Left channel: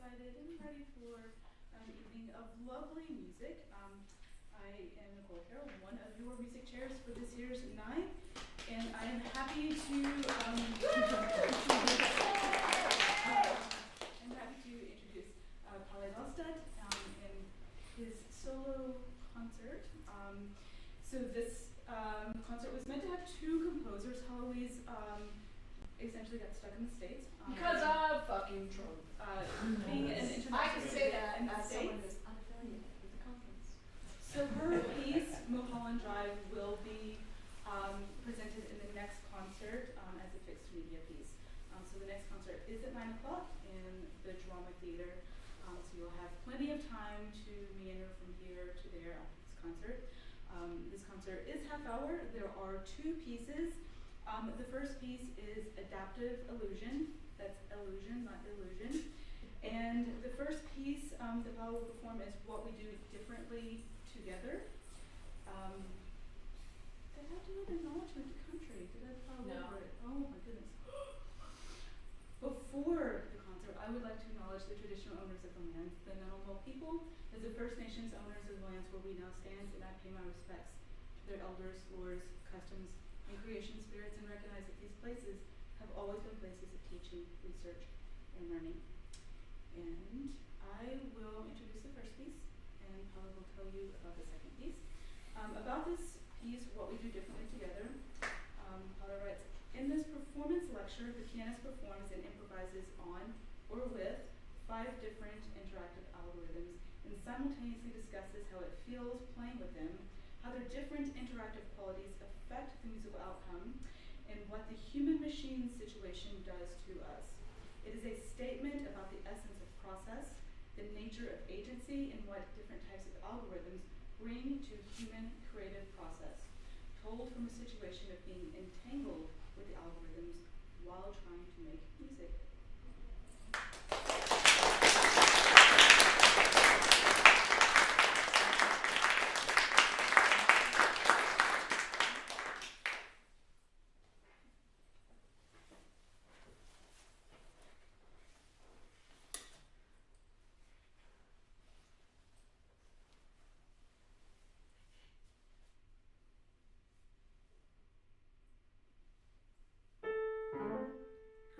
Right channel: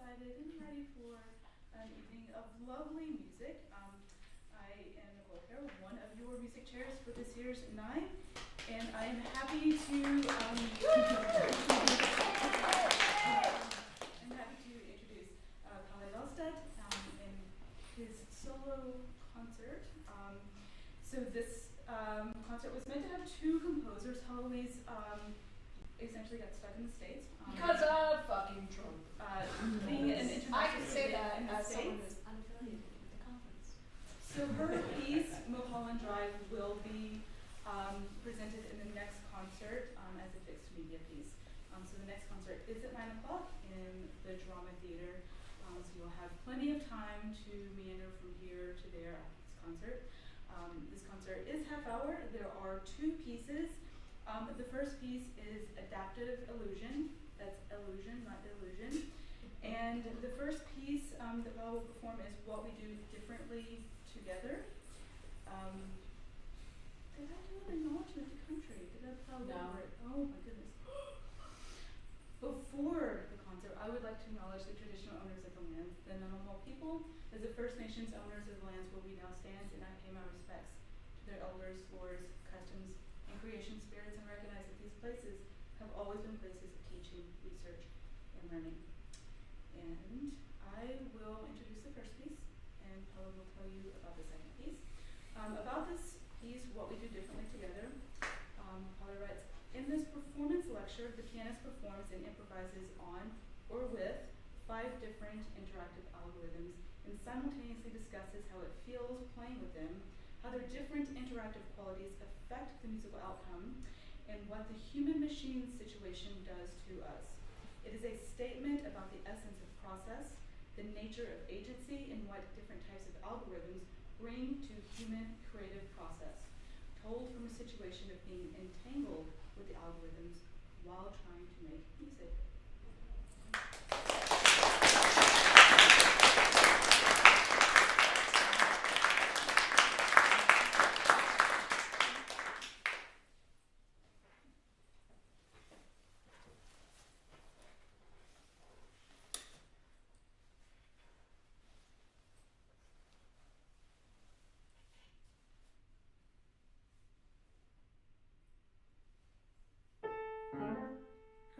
excited and ready for an evening of lovely music. I am Nicole here, one of your music chairs for this year's NIME, and I am happy to introduce Palle Dahlstedt in his solo concert. So this concert was meant to have two composers. Heloise essentially got stuck in the States. Because I'm fucking drunk. Being an international I can say that in the as someone States. who's unaffiliated with the conference. So her piece, Mulholland Drive, will be presented in the next concert as a fixed media piece. So the next concert is at 9 o'clock in the Drama Theater. So you'll have plenty of time to meander from here to there after this concert. This concert is half hour. There are two pieces. The first piece is Adaptive Elusion. That's Elusion, not Illusion. And the first piece that I will perform is What We Do Differently Together. Did I do an acknowledgement to country? Did I follow over it? Oh my goodness. Before the concert, I would like to acknowledge the traditional owners of the land, the Nunavut people. As the First Nations owners of the lands where we now stand, and I pay my respects to their elders, lores, customs, and creation spirits, and recognize that these places have always been places of teaching, research, and learning. And I will introduce the first piece, and Palle will tell you about the second piece. About this piece, What We Do Differently Together, Palle writes, in this performance lecture, the pianist performs and improvises on or with 5 different interactive algorithms and simultaneously discusses how it feels playing with them, how their different interactive qualities affect the musical outcome, and what the human-machine situation does to us. It is a statement about the essence of process, the nature of agency, and what different types of algorithms bring to human creative process, told from a situation of being entangled with the algorithms while trying to make music.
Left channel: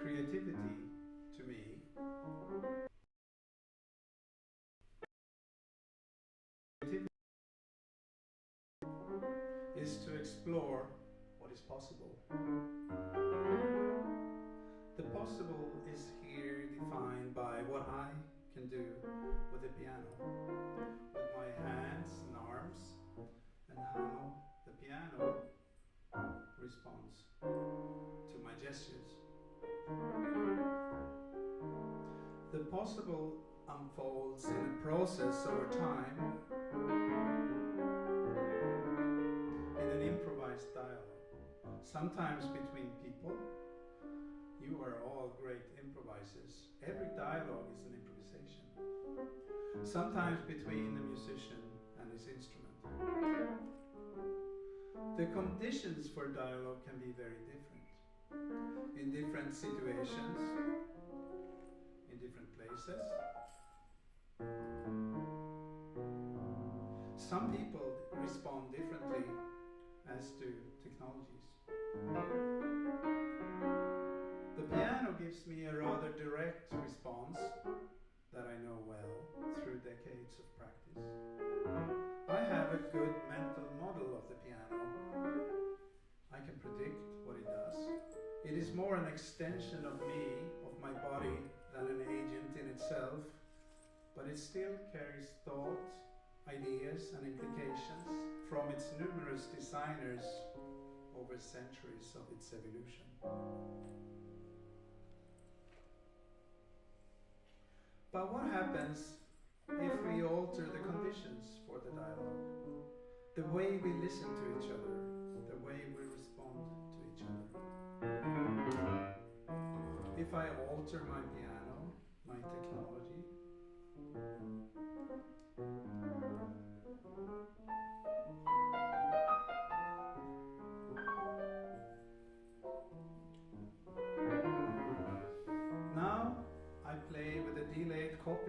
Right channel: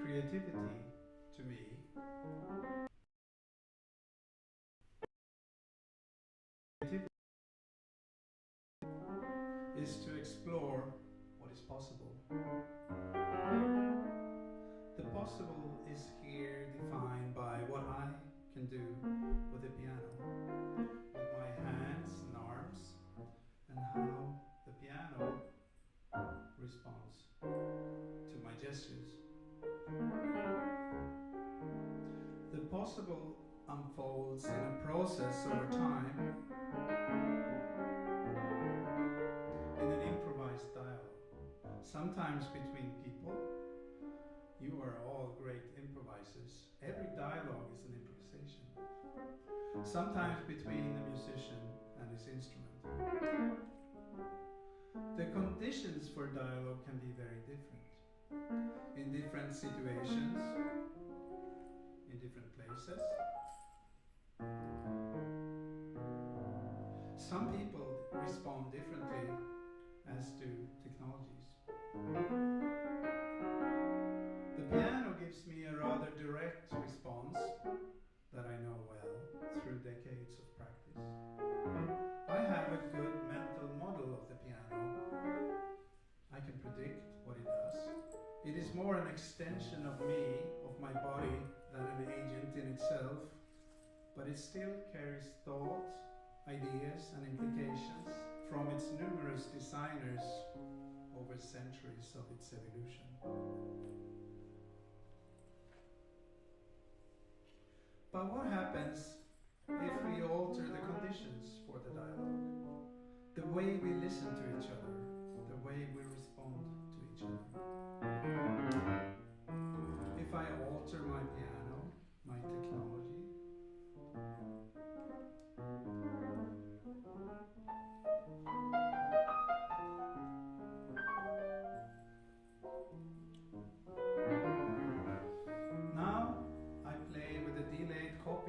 Creativity, to me, is to explore what is possible. The possible is here defined by what I can do with the piano, with my hands and arms, and how the piano responds to my gestures. The possible unfolds in a process over time, in an improvised dialogue, sometimes between people. You are all great improvisers. Every dialogue is an improvisation. Sometimes between the musician and his instrument. The conditions for dialogue can be very different. In different situations, in different places. Some people respond differently as to technologies. The piano gives me a rather direct response that I know well through decades of practice. I have a good mental model of the piano. I can predict what it does. It is more an extension of me, of my body, than an agent in itself, but it still carries thought, ideas and implications from its numerous designers over centuries of its evolution. But what happens if we alter the conditions for the dialogue? The way we listen to each other, the way we respond to each other. If I alter my piano, my technology, now I play with a delayed copy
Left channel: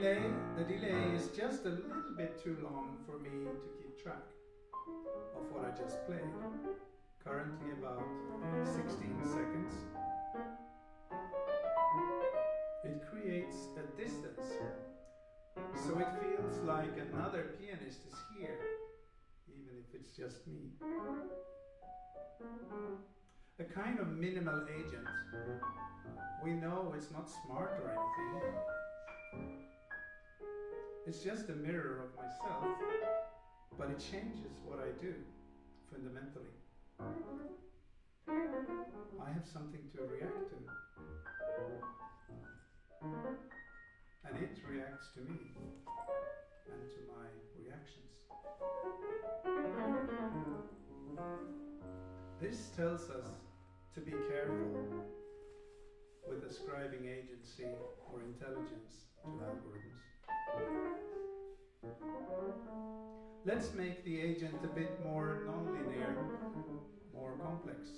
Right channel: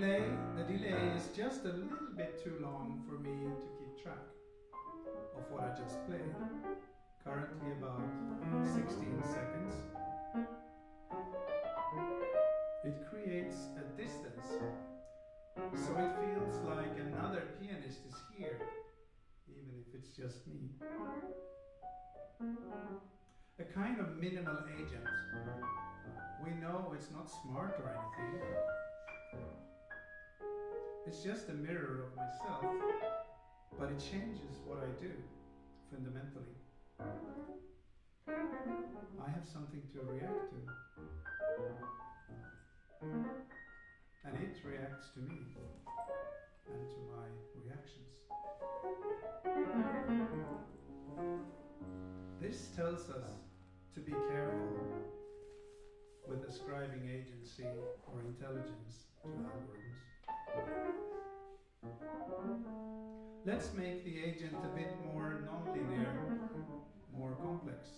delay is just a little bit too long for me to keep track of what I just played. Currently about 16 seconds. It creates a distance, so it feels like another pianist is here, even if it's just me. A kind of minimal agent. We know it's not smart or anything. It's just a mirror of myself, but it changes what I do, fundamentally. I have something to react to. And it reacts to me and to my reactions. This tells us to be careful with ascribing agency or intelligence to algorithms. Let's make the agent a bit more non-linear, more complex.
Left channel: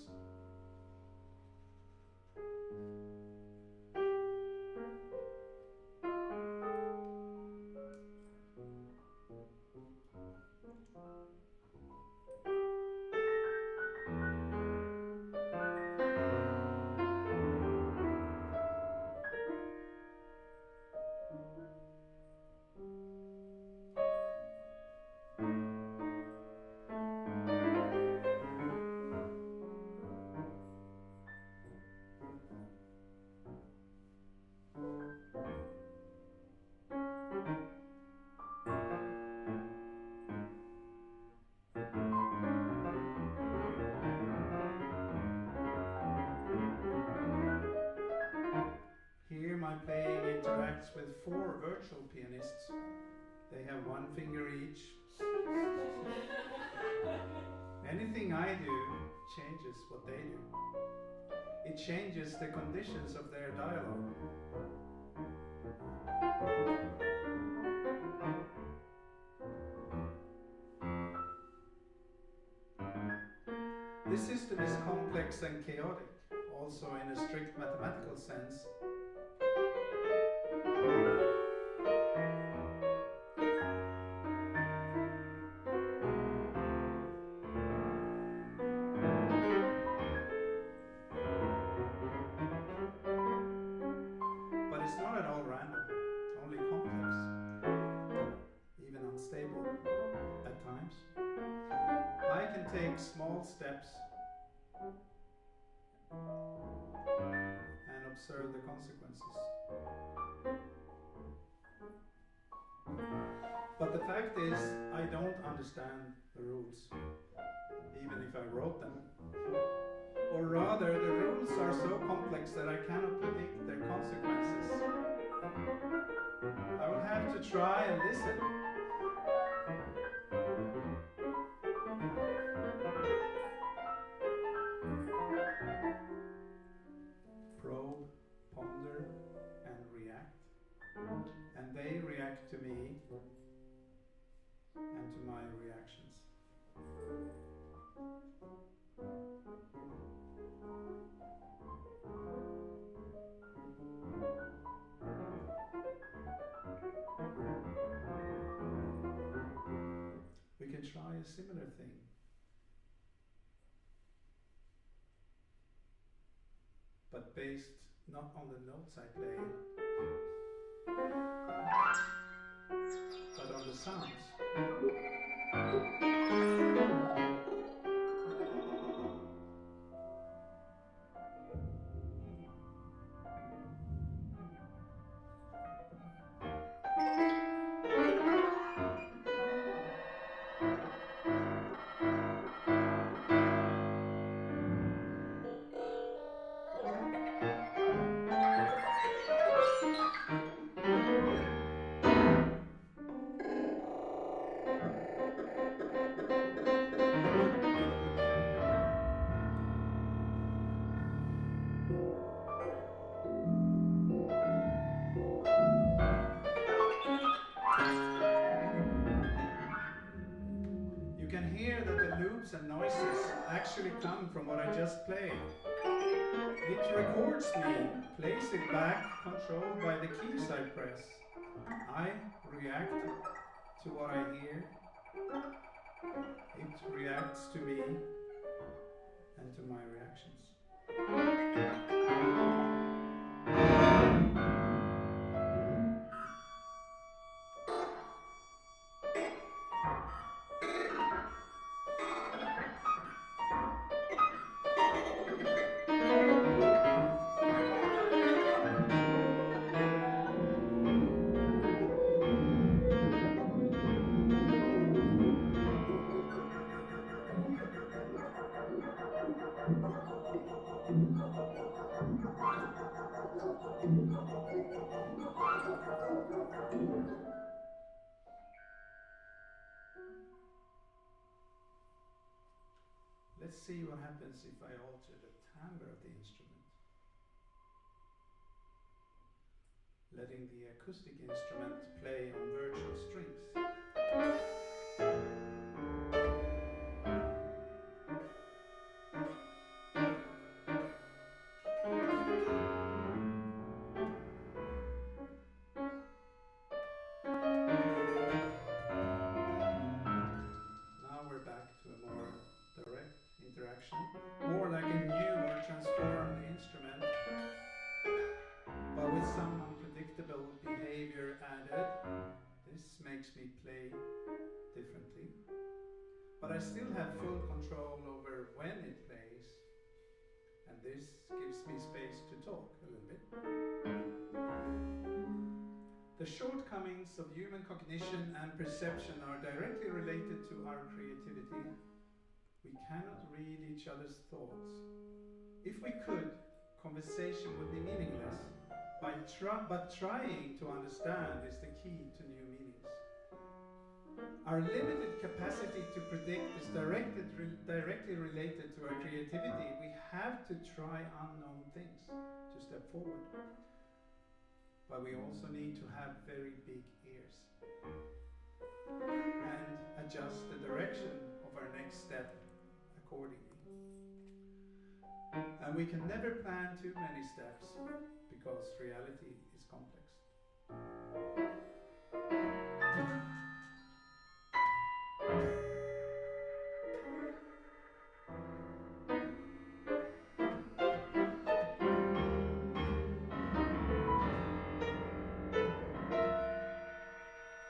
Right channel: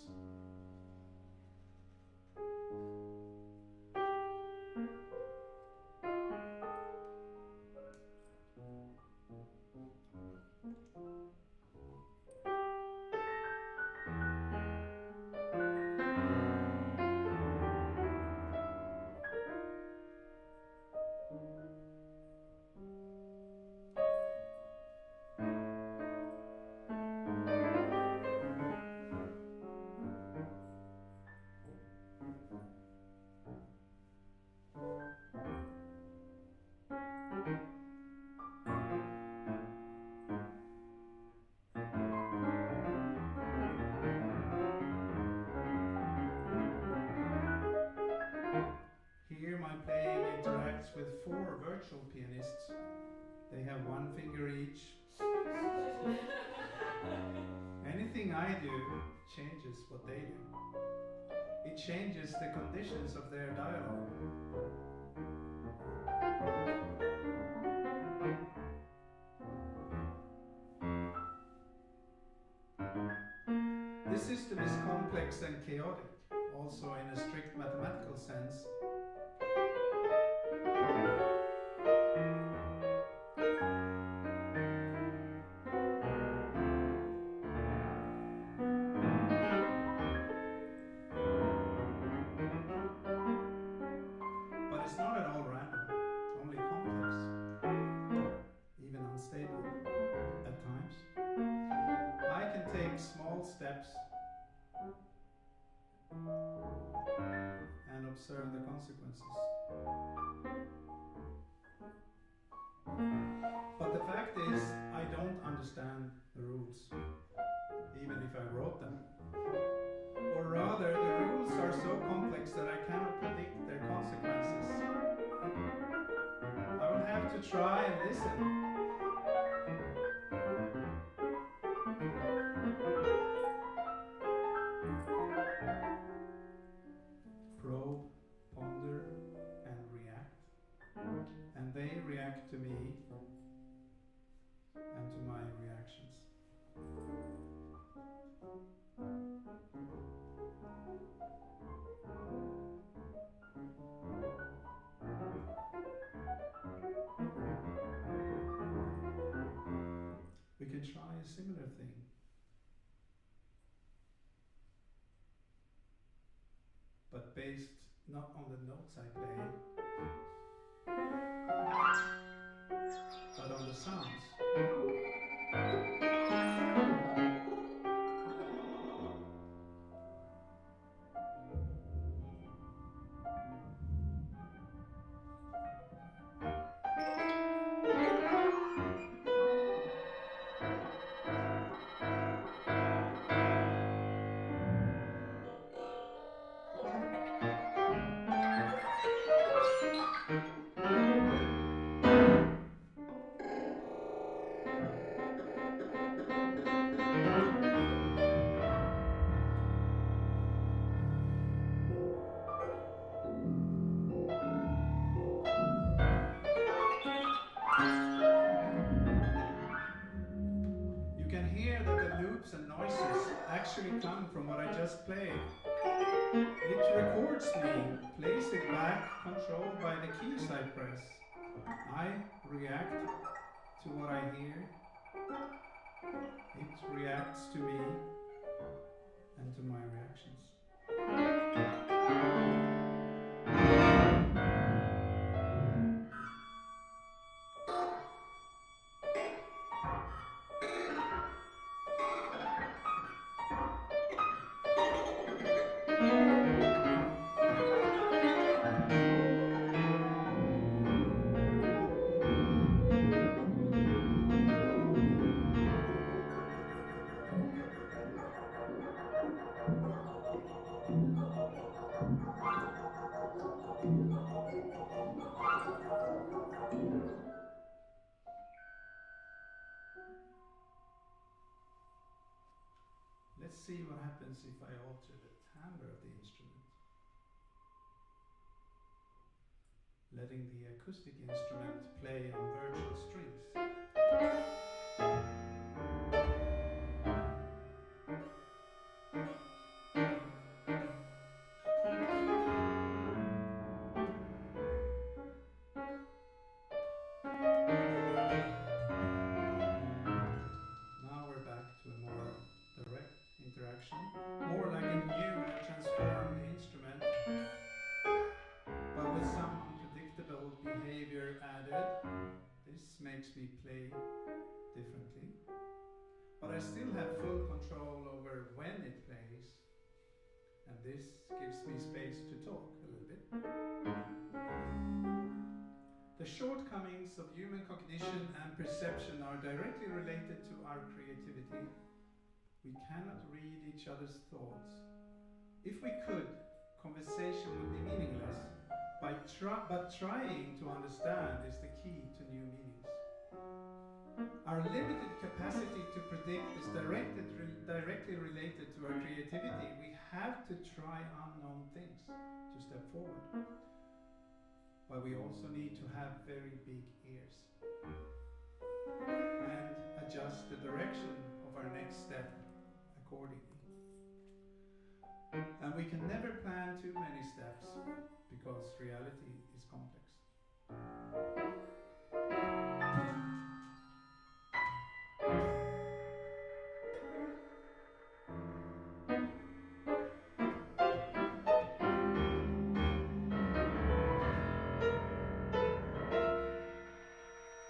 Here my playing interacts with 4 virtual pianists. They have 1 finger each. Anything I do changes what they do. It changes the conditions of their dialogue. This system is complex and chaotic, also in a strict mathematical sense. But it's not at all random, only complex, even unstable at times. I can take small steps and observe the consequences. But the fact is, I don't understand the rules, even if I wrote them. Or rather, the rules are so complex that I cannot predict their consequences. I will have to try and listen. Probe, ponder, and react. And they react to me and to my reactions. We can try a similar thing. But based not on the notes I play, but on the sounds. You can hear that the loops and noises actually come from what I just played. It records me, plays it back, controlled by the keys I press. I react to what I hear. It reacts to me and to my reactions. Let's see what happens if I alter the timbre of the instrument, letting the acoustic instrument play on virtual strings. Now we're back to a more direct interaction, more like a new or transformed instrument, but with some unpredictable behavior added. This makes me play differently, but I still have full control over when it plays, and this gives me space to talk a little bit. The shortcomings of human cognition and perception are directly related to our creativity. We cannot read each other's thoughts. If we could, conversation would be meaningless. But trying to understand is the key to new meanings. Our limited capacity to predict is directly related to our creativity. We have to try unknown things to step forward. But we also need to have very big ears and adjust the direction of our next step accordingly. And we can never plan too many steps because reality is complex.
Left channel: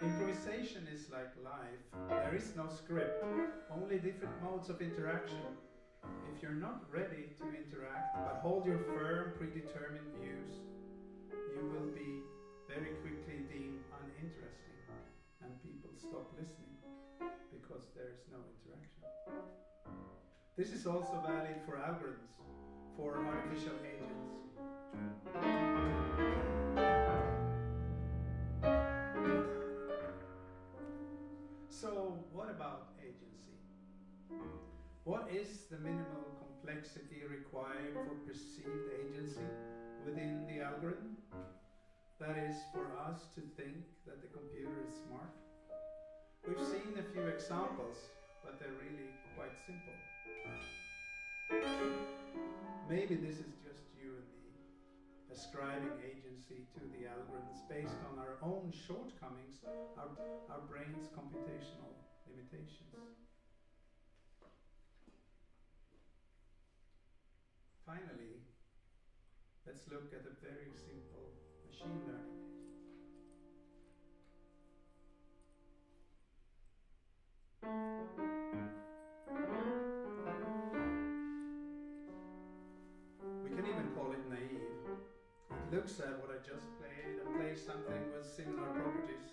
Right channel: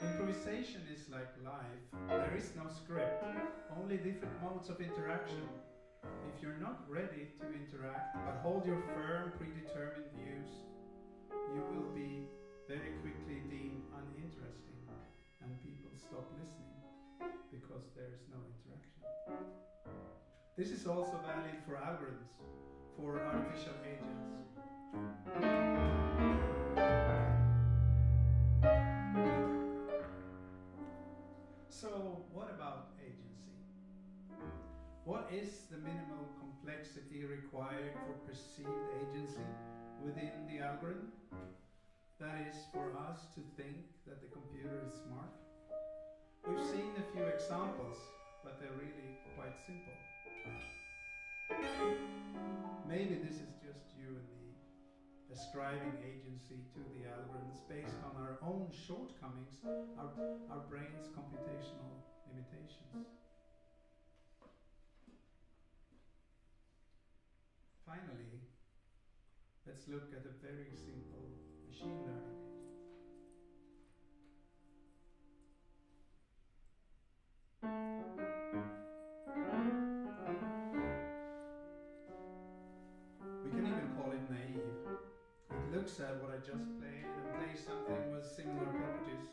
Improvisation is like life. There is no script, only different modes of interaction. If you're not ready to interact, but hold your firm, predetermined views, you will be very quickly deemed uninteresting, and people stop listening because there is no interaction. This is also valid for algorithms, for artificial agents. So, what about agency? What is the minimal complexity required for perceived agency within the algorithm? That is, for us to think that the computer is smart. We've seen a few examples, but they're really quite simple. Maybe this is just you and me, ascribing agency to the algorithms based on our own shortcomings, our brain's computational limitations. Finally, let's look at a very simple machine learning. We can even call it naive. It looks at what I just played and plays something with similar properties.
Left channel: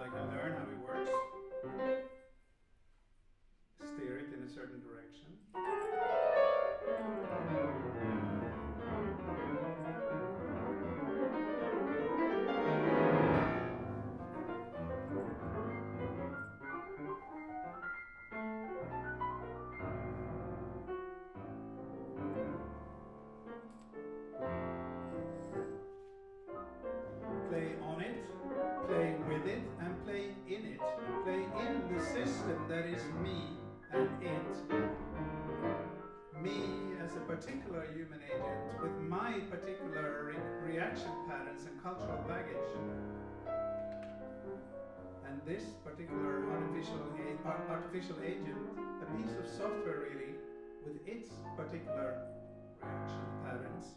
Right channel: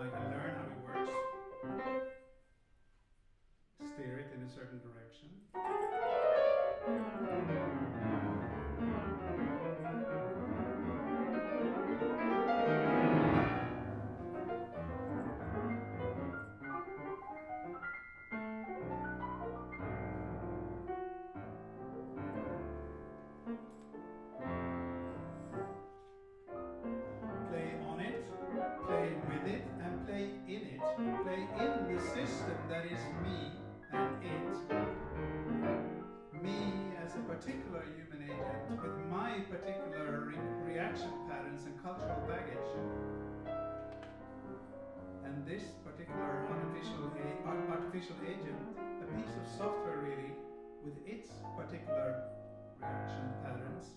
I can learn how it works, steer it in a certain direction. this particular artificial agent, a piece of software really, with its particular reaction patterns.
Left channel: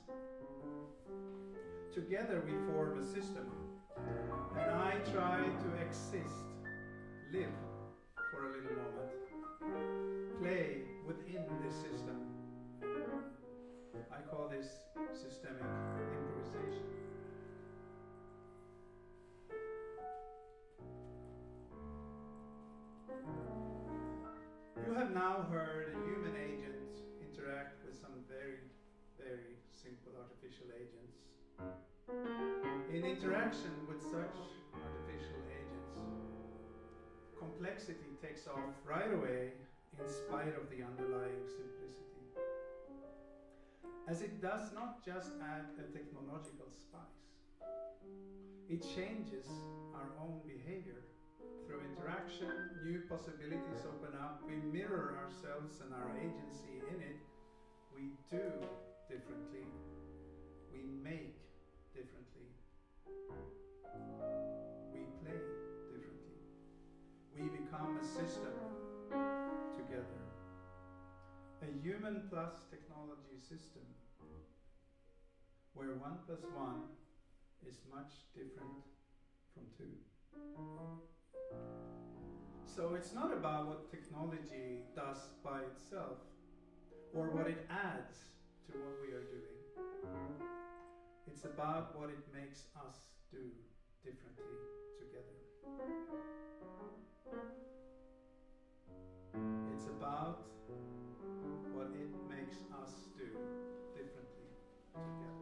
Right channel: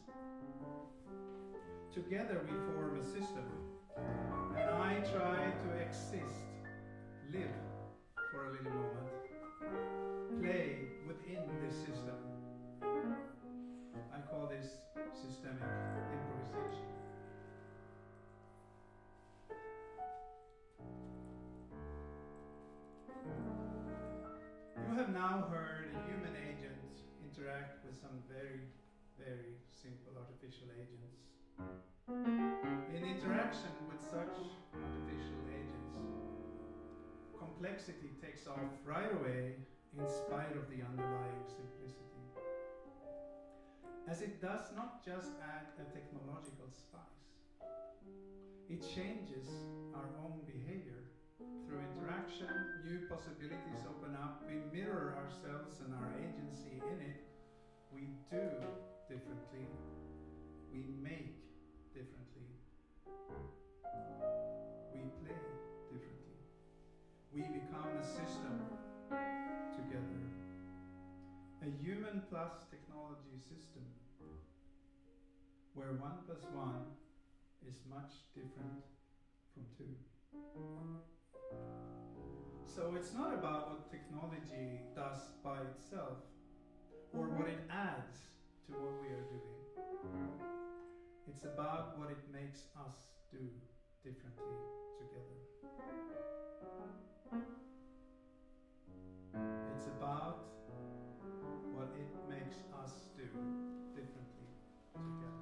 Together we form a system, and I try to exist, live for a little moment, play within this system. I call this systemic improvisation. You have now heard a human agent interact with some very, very simple artificial agents. In interaction with such artificial agents, complexity takes off right away in spite of the underlying simplicity. As it does not just add a technological spice, it changes our own behavior. Through interaction, new possibilities open up, we mirror ourselves and our agency in it, we do differently, we make differently, we play differently, we become a system together. A human plus technology system where 1 + 1 is much different from 2. So it's not about what technology does by itself or what it adds to what we are doing. It's about what it makes us do differently together. It's about what it makes us do differently together. Thank you.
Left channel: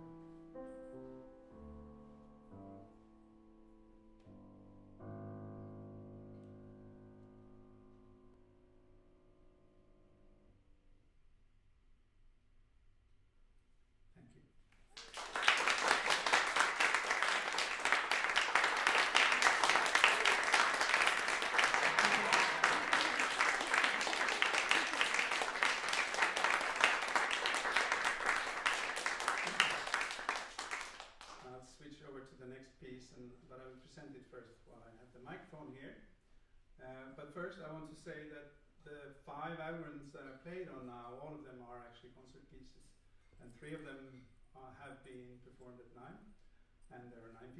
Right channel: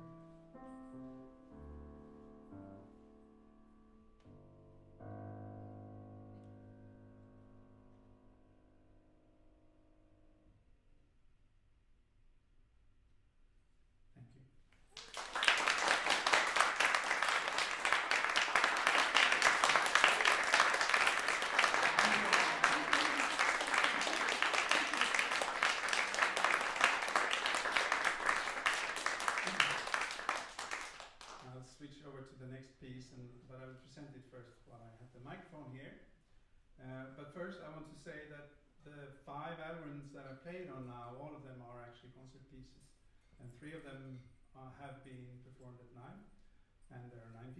I'll switch over to the next piece, but I will present it first while I have the microphone here. But first I want to say that the 5 algorithms that I played on now, all of them are actually concert pieces. And 3 of them have been performed at NIME, and there are 9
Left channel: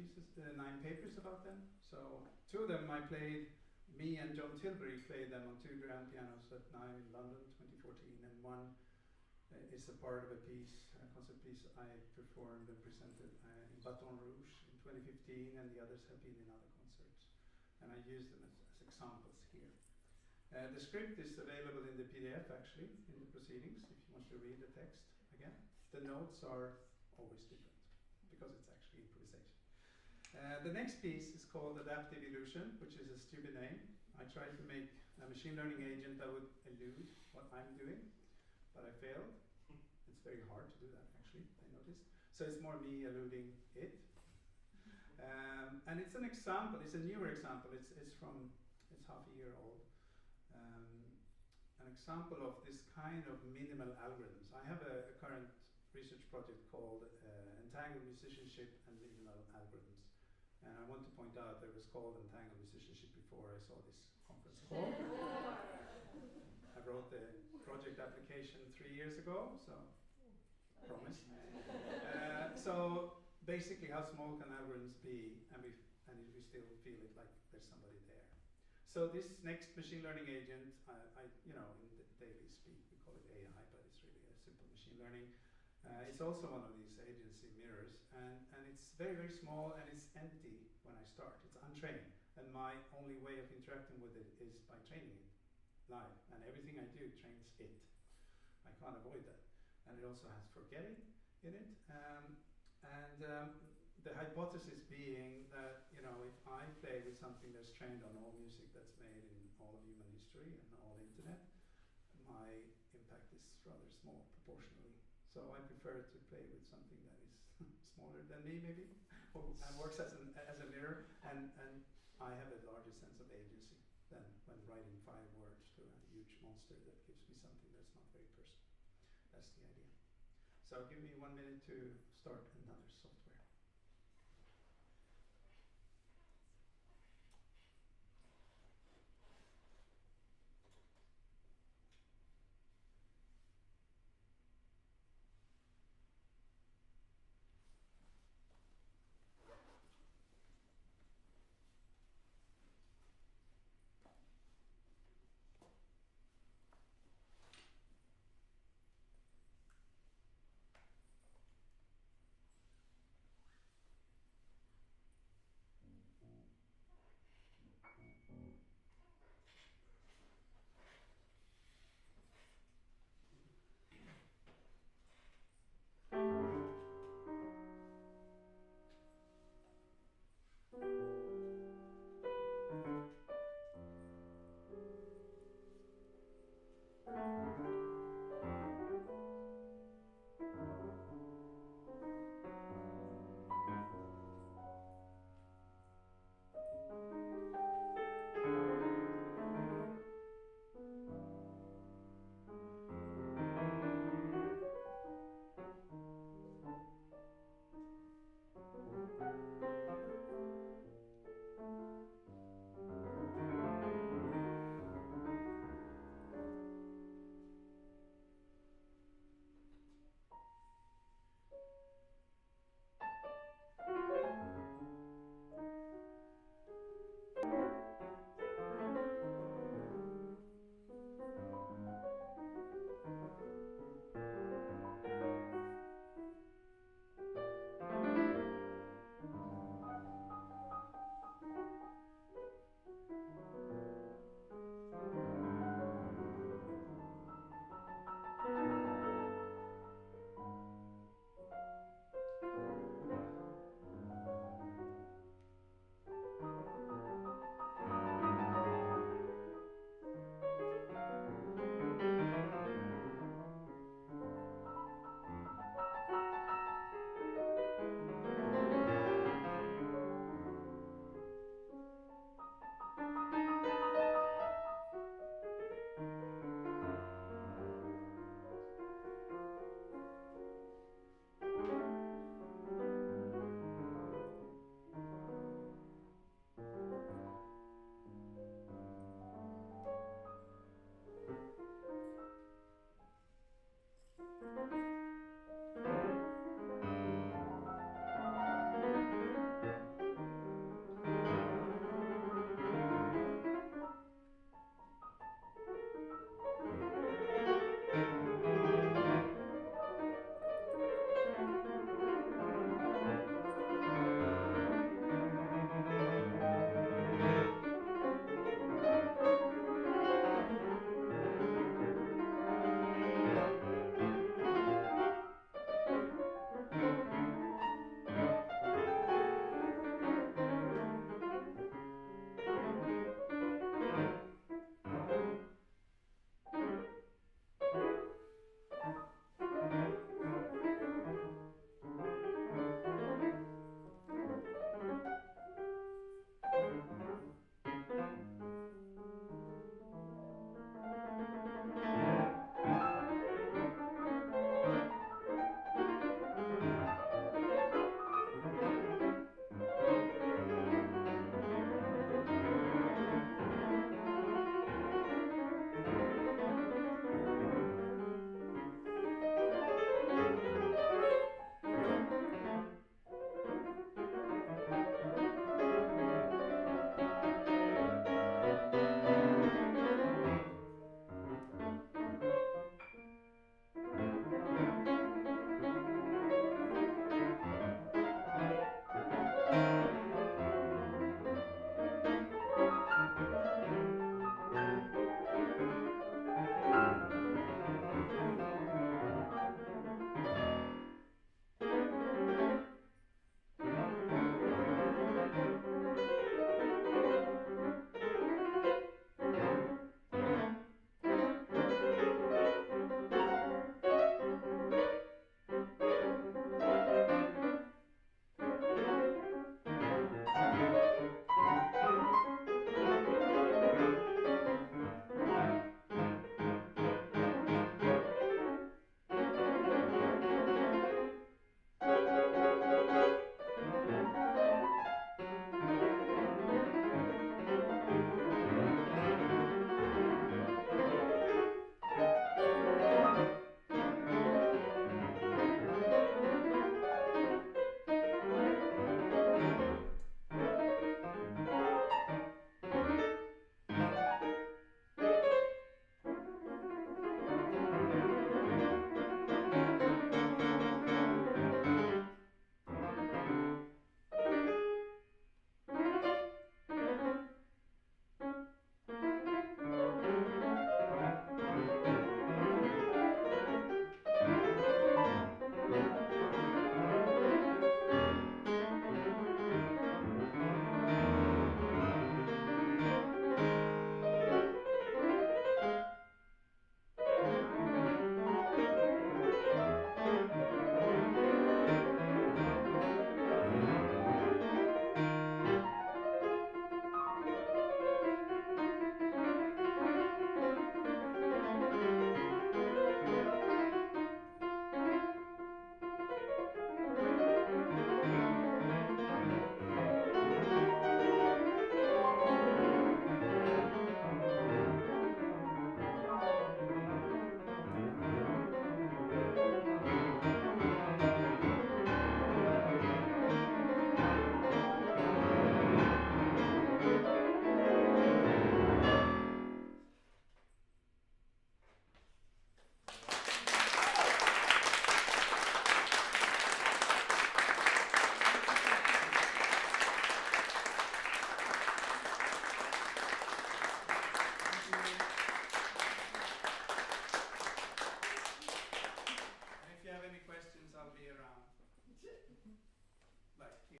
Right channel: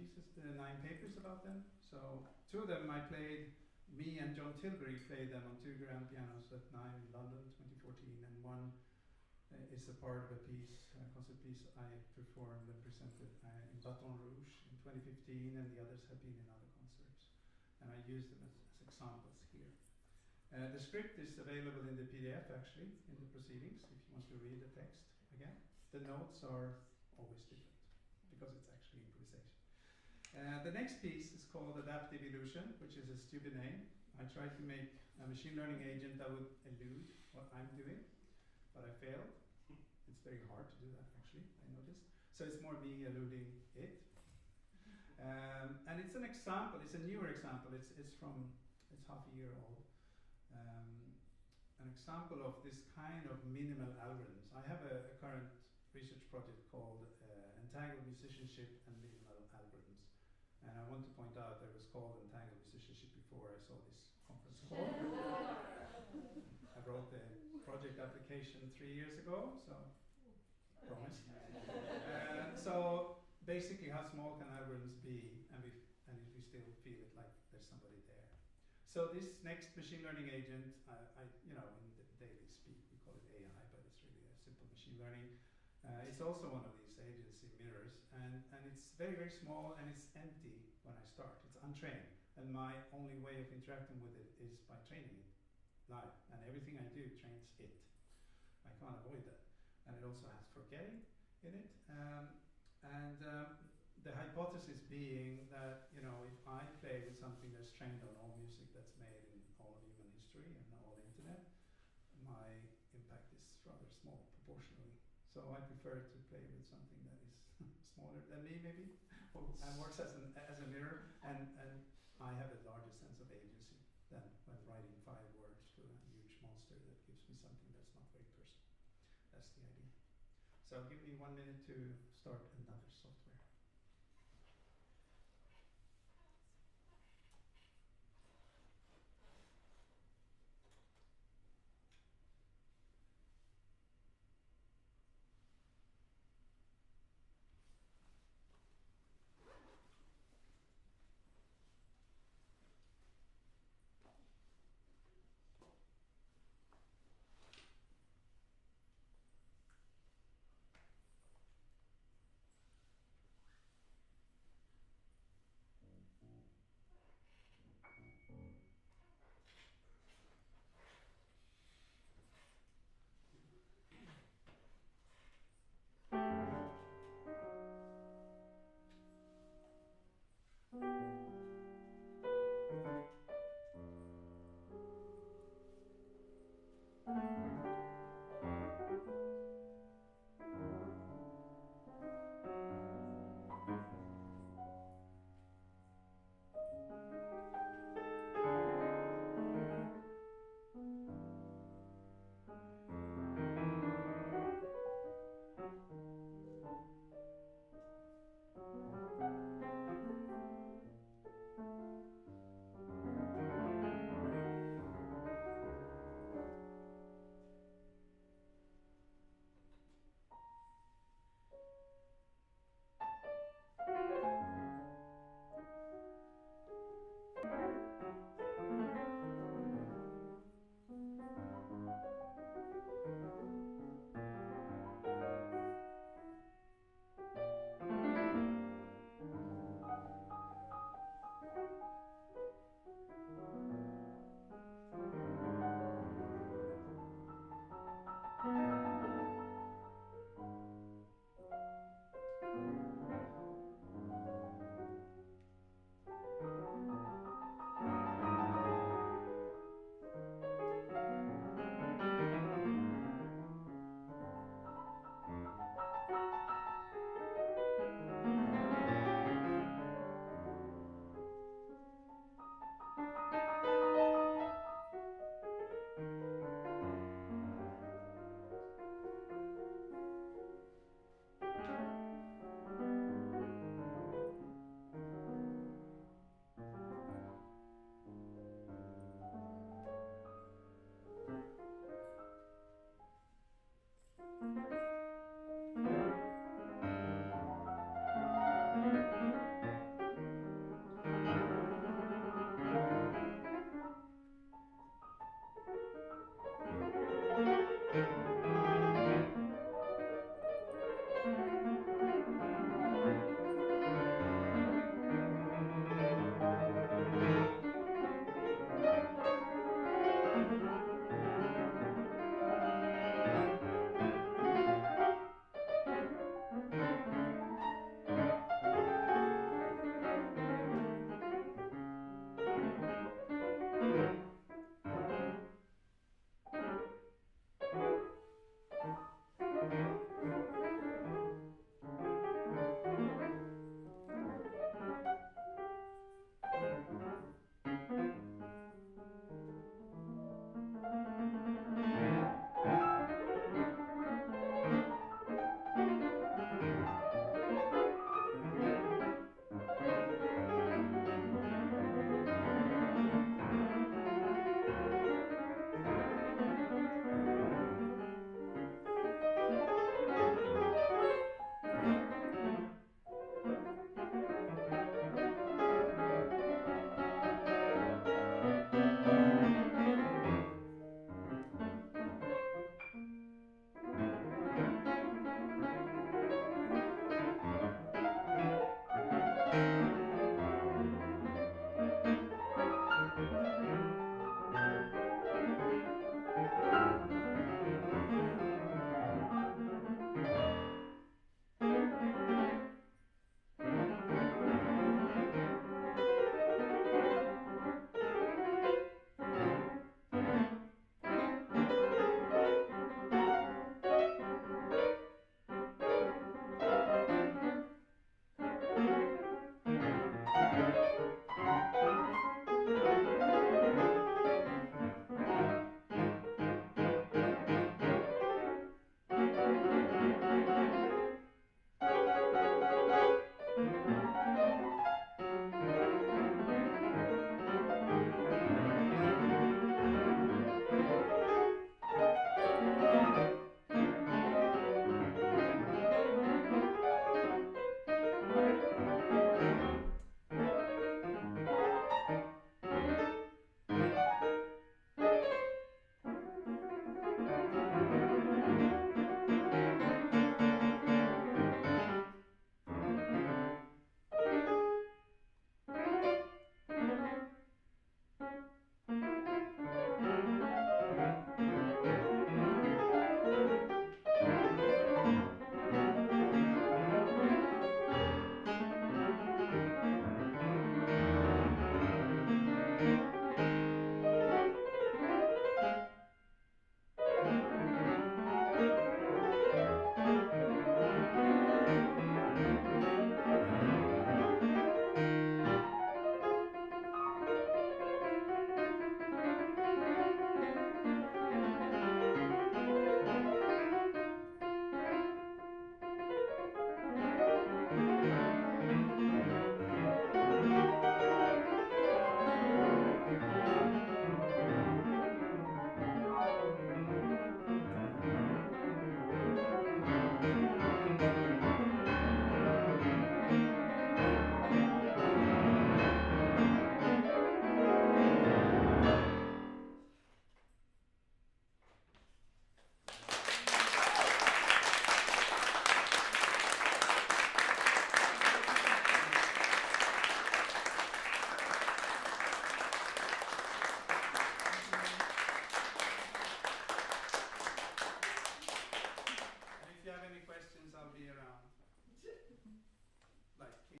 papers about them. So 2 of them I played, me and John Tilbury played them on 2 grand pianos at NIME in London 2014, and 1 is a part of a piece, a concert piece I performed and presented in Baton Rouge in 2015, and the others have been in other concerts. And I use them as examples here. The script is available in the PDF actually, in the proceedings, if you want to read the text again. The notes are always different, because it's actually improvisation. The next piece is called Adaptive Elusion, which is a stupid name. I tried to make a machine learning agent that would elude what I'm doing, but I failed. It's very hard to do that actually, I noticed. So it's more me eluding it. And it's an example, it's a newer example, it's half a year old. An example of this kind of minimal algorithms. I have a current research project called Entangled Musicianship and Minimal Algorithms. And I want to point out that it was called Entangled Musicianship before I saw this conference call. I wrote the project application 3 years ago, so promise. So basically, how small can algorithms be, and we still feel it like there's somebody there. So this next machine learning agent, in the daily speak we call it AI, but it's really a simple machine learning. It's also one of these agency mirrors, and it's very, very small, and it's empty when I start. It's untrained, and my only way of interacting with it is by training it live, and everything I do trains it. I can't avoid that. And it also has forgetting in it, the hypothesis being that, if I play with something that's trained on all music that's made in all of human history and all the internet, my impact is rather small proportionally. So I prefer to play with something that is smaller than me, maybe, and works as a mirror, and I have a larger sense of agency than when writing 5 words to a huge monster that gives me something that's not very personal. That's the idea. So give me 1 minute to start another